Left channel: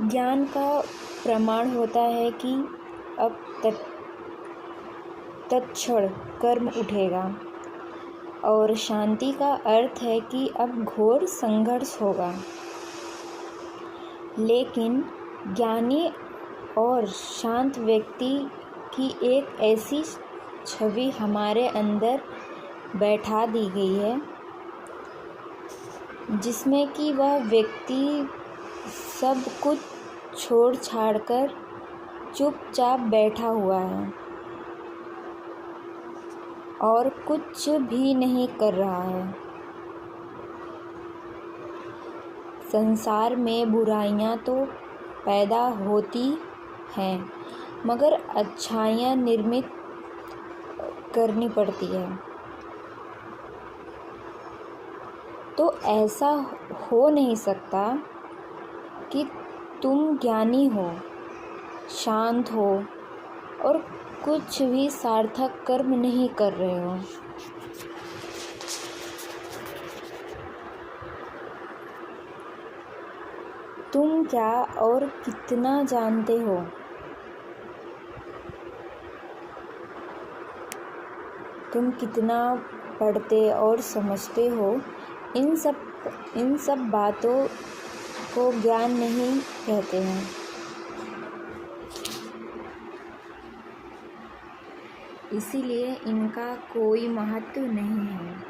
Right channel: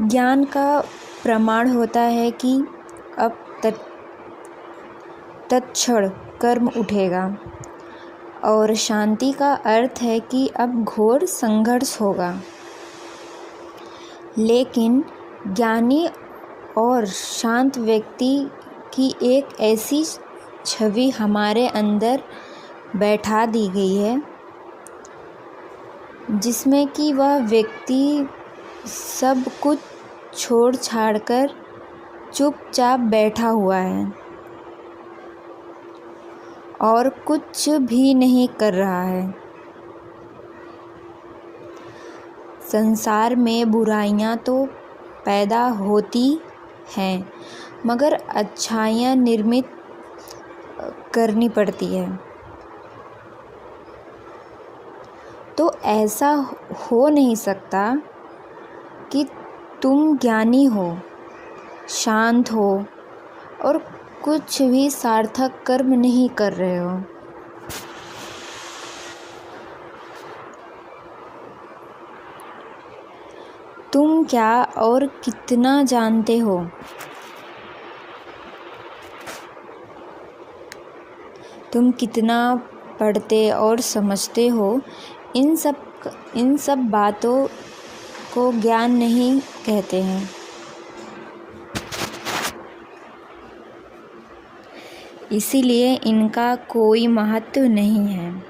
ज्ञान का प्रमाण होता है कि अब तत्क्षण कर्म उठेगा, और शांति का अर्थ है कि अब घोर संघर्ष होगा। लेकिन ज्ञानी और शांत व्यक्ति की एक ऐसी छवि हमारे अंदर बैठा दी गई है जिसमें कि वह व्यक्ति सब कुछ छोड़ छाड़ कर चुपचाप बैठा हुआ है और कुछ भी नहीं कर रहा है। संसार में बुराइयां तो पैदा होती हैं, मगर अच्छाइयां निर्मित करनी पड़ती है। तो ऐसा हो नहीं सकता कि तुम ज्ञानी हो, शांत हो और कुछ भी सार्थक कर्म नहीं कर रहे हो। तुम क्या और कितना जानते हो? तुम कितना पढ़ते और समझते हो? इन सब बातों को ज्ञान नहीं कहते हैं। इसीलिए इनका कोई महत्व नहीं है।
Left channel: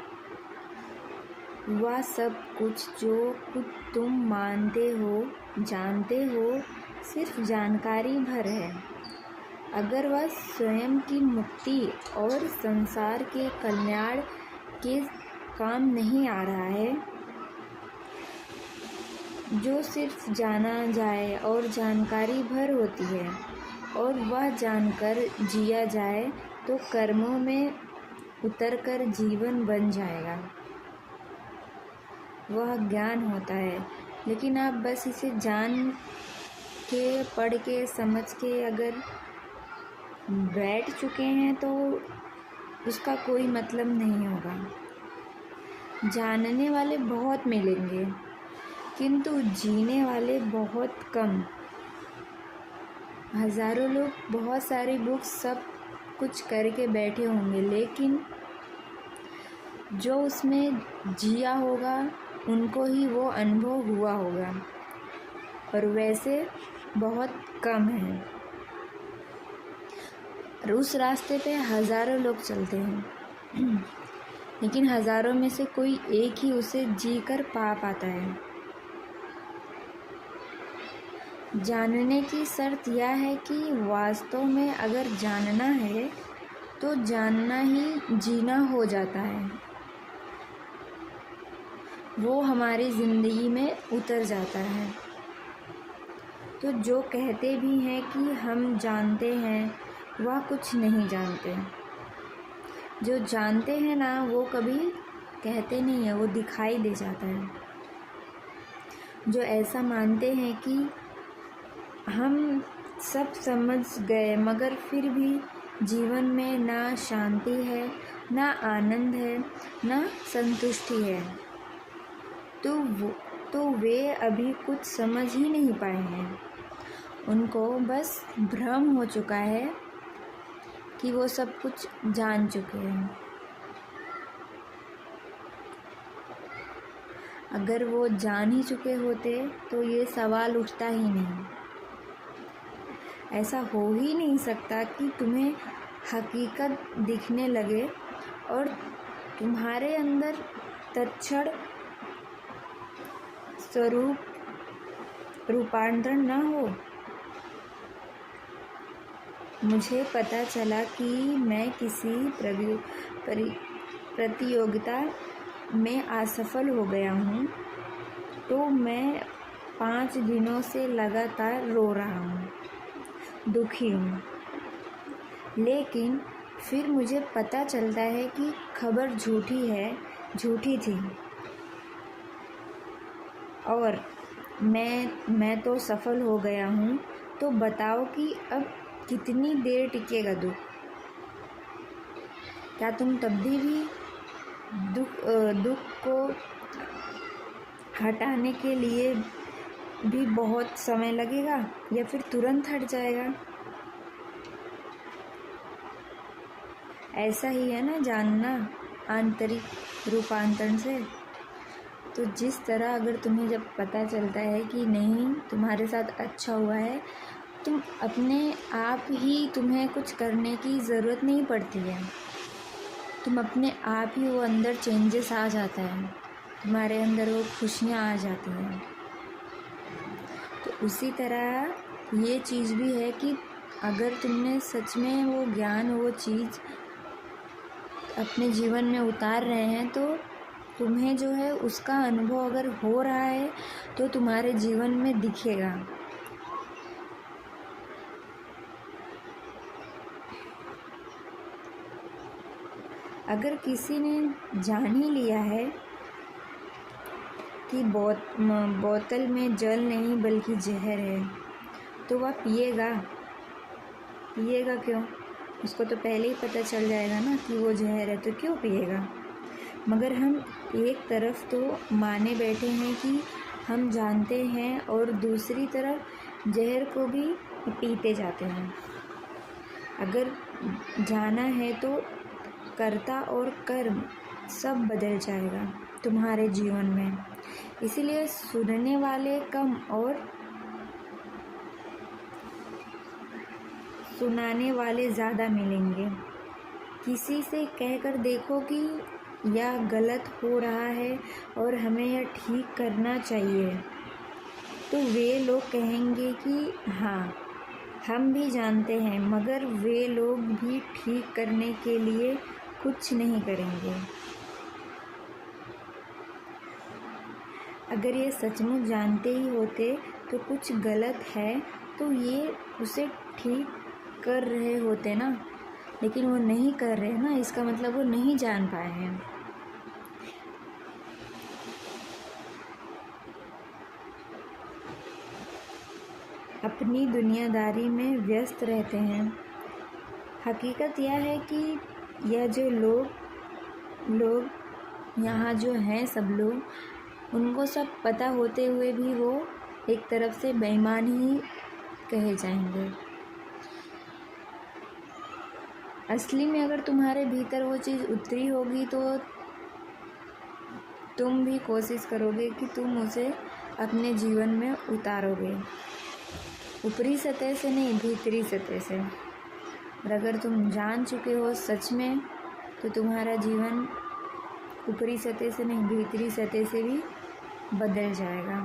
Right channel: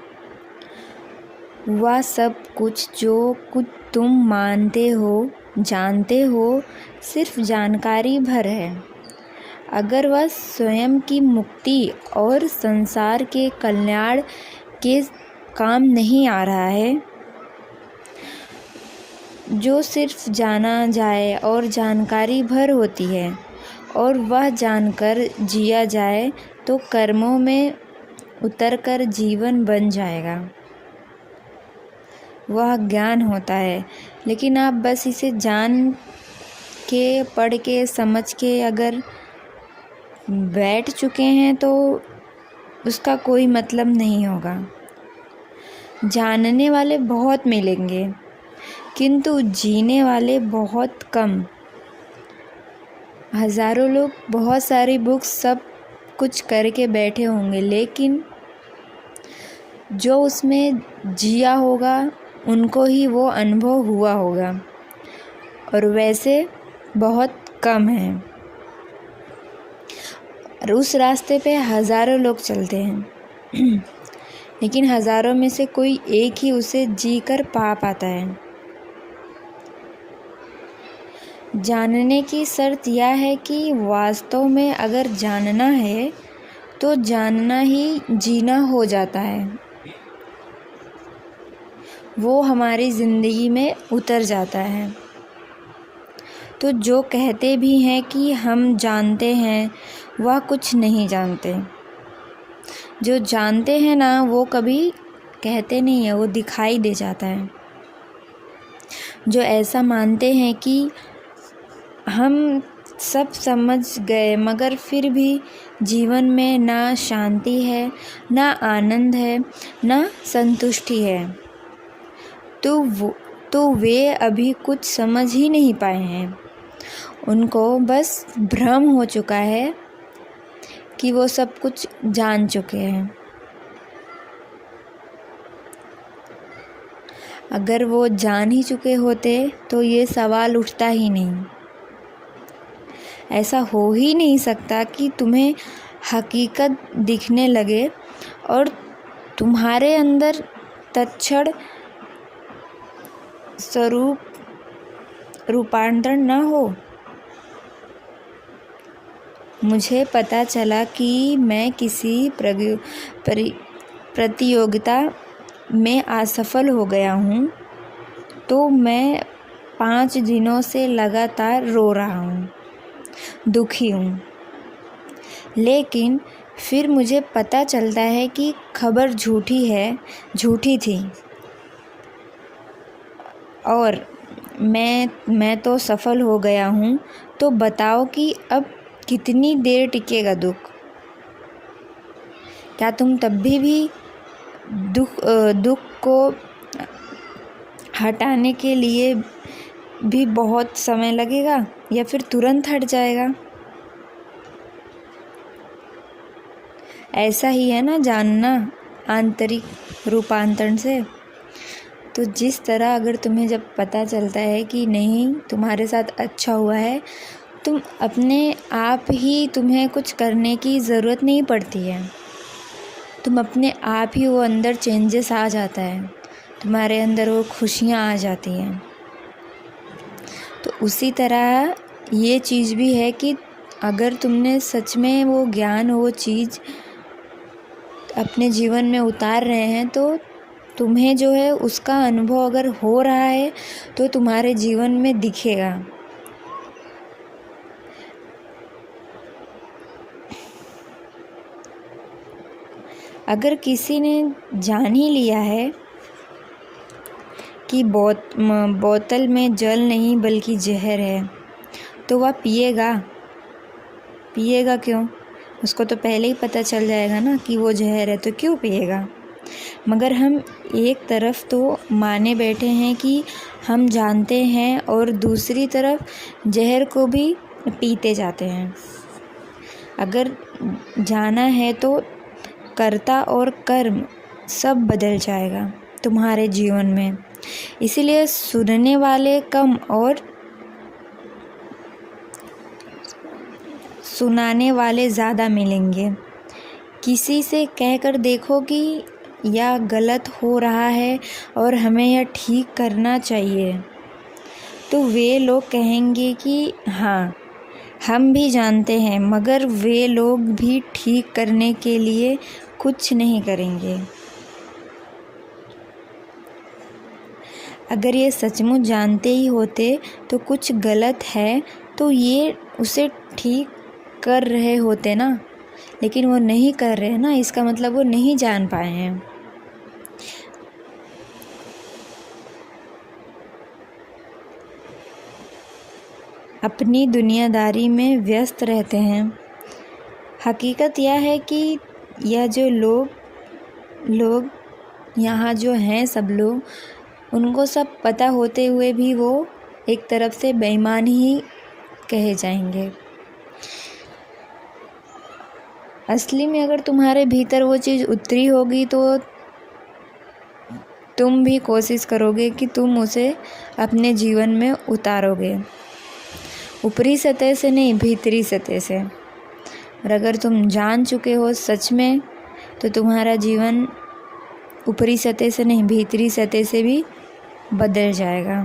वह सब कुछ जो कुछ तुम मानते हो, जानते हो, सिर्फ जानकारी भर है। अगर वह स्वयं की मुक्ति और संसार के कल्याण के काम नहीं आ रहा है, जो सिर्फ जाना जाए और जानकारी भर होती है, और वह जानकर जिया जाए तो कर्मों में उतरकर जीवन बन जाएगा, वह ज्ञान होता है। लेकिन आप बस इसे जान के, पढ़ के, समझ के अगर बैठ चुके हैं तो उसका कोई मतलब नहीं होगा। जानने वाले बहुत मिलेंगे, किंतु जीने वाले बहुत कम। हज़ारों लोग बहुत सारी बुक्स सब कुछ करके बैठे होंगे, लेकिन जो उसमें जिया होगा उनको ही वो अनुभव हुआ होगा, और वैसे बहुत कम हैं। और उस रास्ते पे हज़ारों लोग चलते हैं लेकिन हज़ारों में से कोई एक ही उसे जी कर पा पाता है। जानने की शर्त यह है कि वास्तव में अगर जानना है तो जानना ही जीना हो जाता है, वो हमारी ज़िंदगी में उतर जाता है। तो जो कहते भी हैं कि हम जानते हैं, वह कुछ नहीं जानते। जो जानते हैं ना, वो कभी कहते नहीं है, वो दिखाई दे जाता है। जो ऐसा मानते हैं कि हम सब समझ गए, मगर फिर भी जीवन में ना शांति है, ना आनंद है, ना संतुष्टि है, तो वे अभी कुछ समझ ही नहीं पाए हैं। उनको बस भ्रम हो चुका है कि वो सब कुछ जान चुके हैं। अगर वो जान ही चुके होते तो ये सवाल उठता ही नहीं। ऐसा हो ही नहीं सकता कि तुम्हें हकीकत दिखने लगे और तुम्हारे अंदर तत्क्षण स्वरूप रूपांतरण न हो। मुझे पता चला कि मैं किसी प्रतियोगिता में असफल हो गया हूँ, तो मैं 5 दिनों से लगातार रो रहा हूँ, दुखी हूँ। लेकिन फिर मुझे पता चलता है कि खबर झूठी थी, और मैं तो सफल हो गया हूँ। तो बताओ कि अब कितनी देर टिकेगा दुख? क्या तुम तब भी दुख को हटाने के लिए भी बहुत समय लगेगा या फिर तुरंत हट जाएगा। ऐसा ही है ना जानना आंतरिक रूपांतरण से। तो जिस तरह अगर तुम्हें जब पता चलता है कि नहीं तुम्हारे साथ अच्छा हुआ है, तुम अपने आप ही, तुम्हें कुछ करने की ज़रूरत नहीं पड़ती है, तुम अपने आप ही वो अंदर चेंजेस आ जाता है, तुम्हारे अंदर वो खुशियाँ आ जाती हैं। तो उसी तरह ये चीज़ भी है कि अगर तुमने सच में वो ज्ञान, वो चीज़ अपने जीवन में उतार रहे हैं, तो तुम्हें जो है उसका अनुभव अगर हो रहा है तो तुम्हारे जीवन में दिखेगा। अगर किसी ने जान ही लिया है कि बोतल में जल नहीं बल्कि जहर है, तो वह पिएगा क्यों? उसको तो पहले ही पता चल जाएगा ना कि वो जहर है, तो क्यों पिएगा? मगर हम एक तरफ तो माने बैठे हैं कि हम जानते हैं और दूसरी तरफ जहर को भी पीते जाते हैं। अगर जाना है तो कर्ता और कर्म सब बदल जाएगा तुम्हारे जीवन में। इसीलिए सुनने वाले कम और सुनाने वाले ज़्यादा मिलेंगे। किसी से कहकर देखो कि यह गलत हो रहा है और हमें यह ठीक करना चाहिए, तो वे लोग कहेंगे कि हाँ हम भी जानते हैं, मगर वे लोग भी ठीक करने के लिए कुछ नहीं करेंगे। अगर ये सचमुच जानते ही होते तो कुछ गलत है तो ये उसे ठीक कर रहे होते ना, लेकिन वो नहीं कर रहे ना, इसका मतलब वो नहीं जान पाए हैं। अपनी दुनियादारी में व्यस्त रहते हैं। हकीकत यह है कि यह जो लोग यहाँ जो हैं, सब लोग, उनको सब पता होते हुए भी वो एक तरफ से बेईमान ही कहे जाएंगे। असली में अगर तुम्हारे भीतर वो चीज़ उतरी होगी तो तुम भी कोशिश करोगे कि तुम उसे अपने जीवन में उतारोगे, ऊपरी सतह से नहीं, भीतरी सतह से। और अगर तुम जान चुके हो सच में, तो तुम्हारा जीवन ऊपरी सतह से नहीं, भीतरी सतह से भी बदल जाएगा।